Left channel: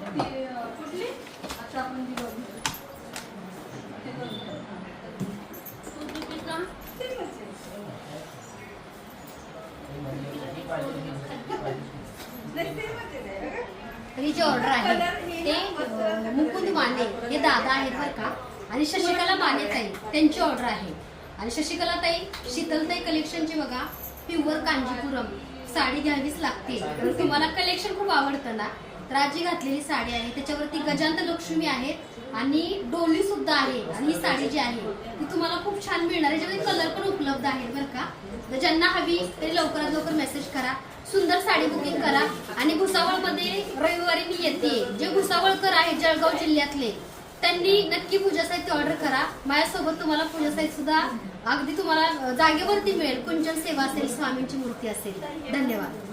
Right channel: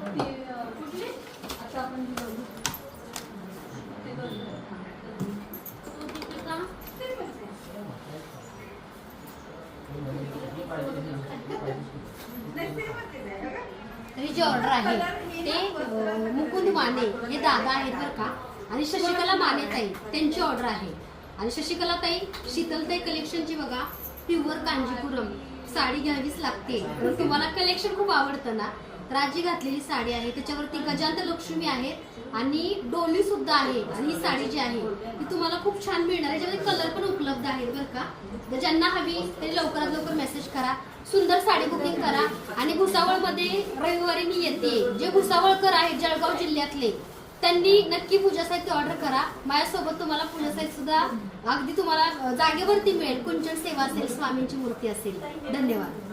कुठली आता आपण जी बघू हे करूया तो दीपिका ही जी ऑर्डर आहे ते मुकुंद माने हे दादा आहेत बरं का, आणि शशिकला माने ताई त्यांची ऑर्डर आहे. आणि शशिकला ताई शीतलताई कलेक्शनची बघा प्युअर कांजीपुरम साडी घ्यावीच लागते. तर तुम्हाला कलेक्शन खूप आवडतं ना, तर आजी घातलेली साडी आहे, त्याच्यावरती गजांत लक्ष्मी आहे आणि डोली सुद्धा आहे. आणि ही साडी जी आहे ती तुम्हाला खूप छान मिळणार आहे. याच्यामध्ये कलर पण उपलब्ध आहेत बरं का. तर ज्यांना हवी तरी लवकरात लवकर मेसेज करा, सुंदर साडी बुकिंग करा. आणि भुसावळमध्ये रविवारी मी येते. जे भुसावळकर आहेत जळगाव जिल्ह्यातले त्यांनी नक्की पूजा साहित्य ऑर्डर करा. माझ्यासोबत तुम्हाला पूजा साहित्य सुद्धा अगदी तुम्हाला जागेवरती मिळेल. कुंचन सेवा असेल, स्वामींची मूर्ती असेल. धन्यवाद.